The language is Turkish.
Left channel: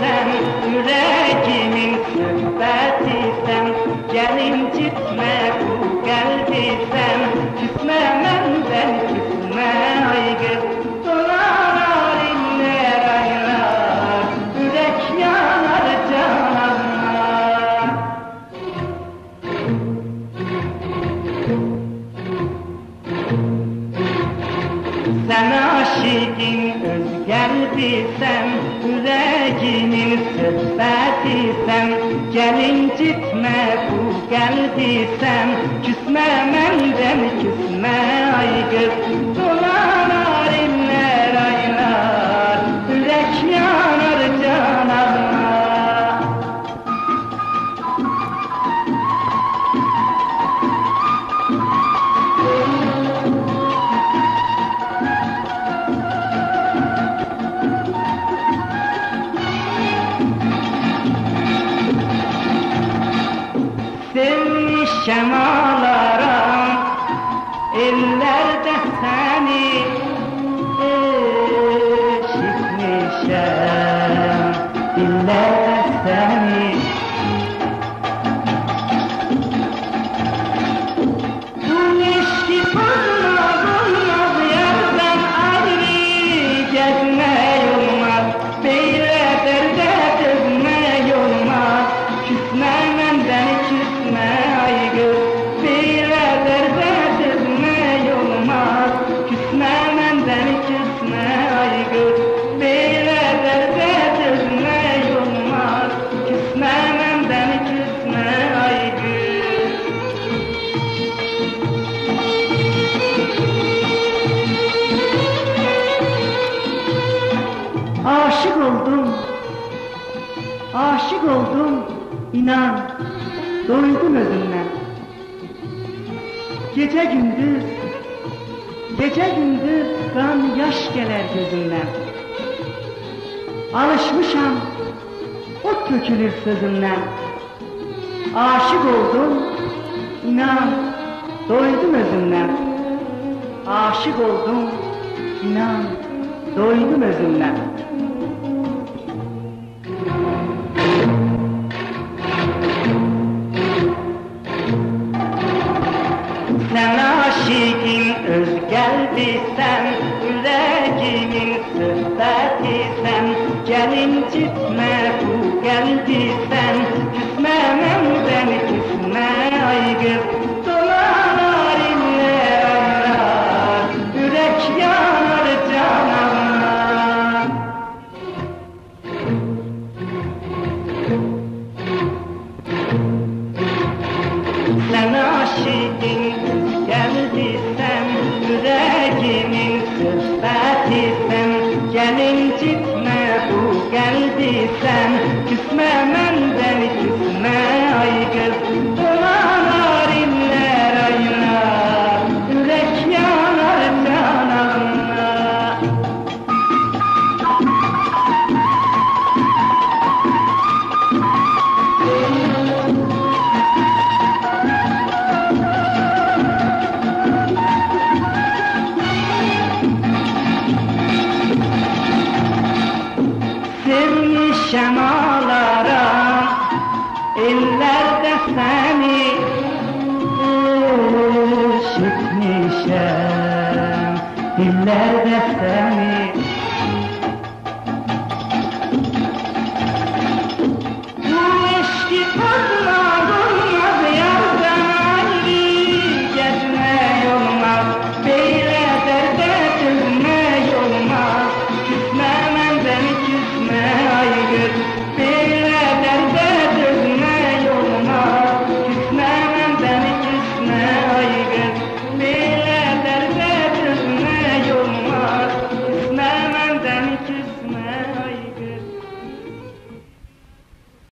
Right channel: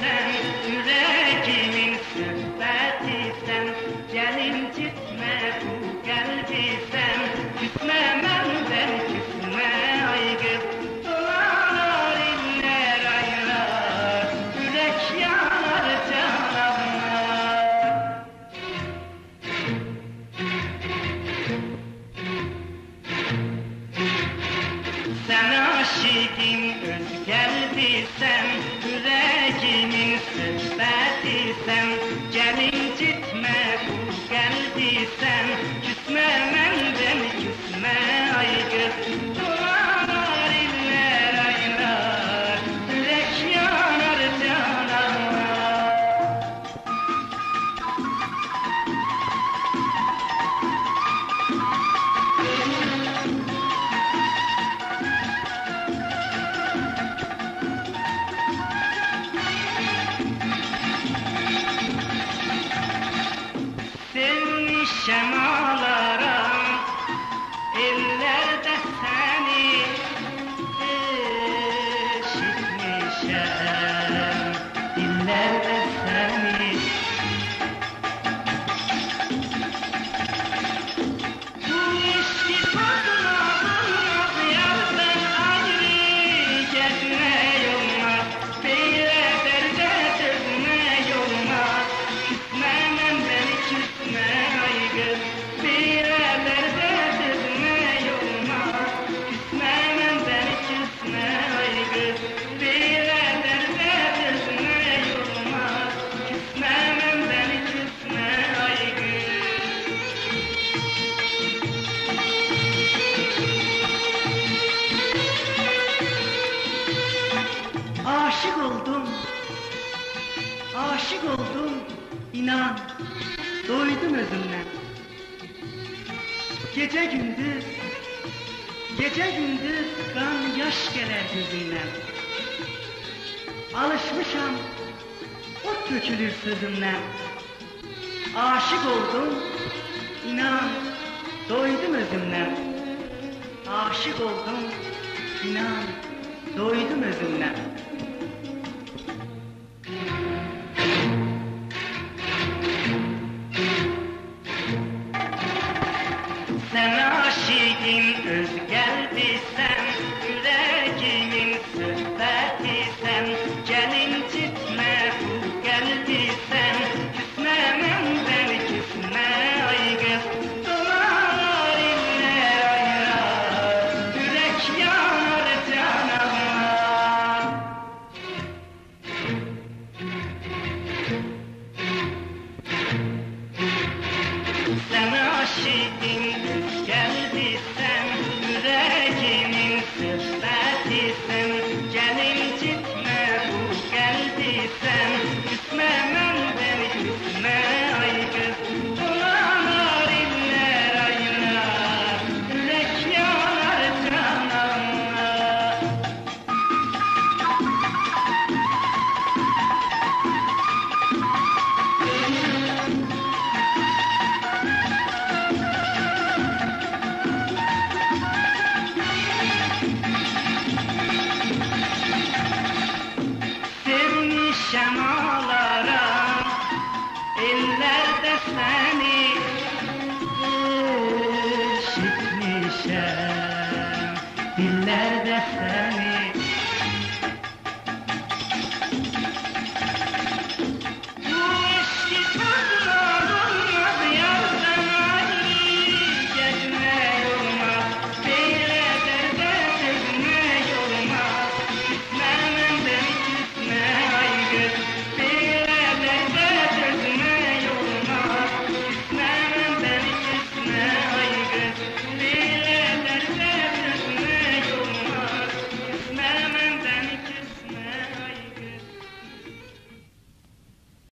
sen, yüreğimin söhbəti sen. Gelin gitme bu geldi sen, küsme menden küsme ay kız. Dolar iller aylar, yürek yanar cananlar. Sen aşıkın öz geldi sen, yüreğimin söhbəti sen. Gelin gitme bu geldi sen, küsme menden küsme ay kız. Dolar iller aylar, yürek yanar cananlar. Sevmişem ağlarım, ellerde seni eşitmişem, dillerde seni. Bu eski bulmaz yerden ayrı gezme olmaz, böyle derde dözme olmaz, küsme menden küsme ay kız, böyle derde dözme olmaz, küsme menden küsme ay kız, böyle derde dözme olmaz, küsme menden küsme ay kız. Aşık oldum, inan, doydum özünden. Gece gündüz kan yaş gelir gözümden. Alışmışam, ot tökülür sözümden. Aşık oldum, inan, doydum özünden. Aşık oldum, inan, doydum özünden. Sen aşıkın öz geldi sen, yüreğimin söhbəti sen. Gelin gitme bu geldi sen, küsme menden küsme ay kız. Dolar iller aylar, yürek yanar cananlar. Sen aşıkın öz geldi sen, yüreğimin söhbəti sen. Gelin gitme bu geldi sen, küsme menden küsme ay kız. Dolar iller aylar, yürek yanar cananlar. Sevmişem ağlarım, ellerde sen.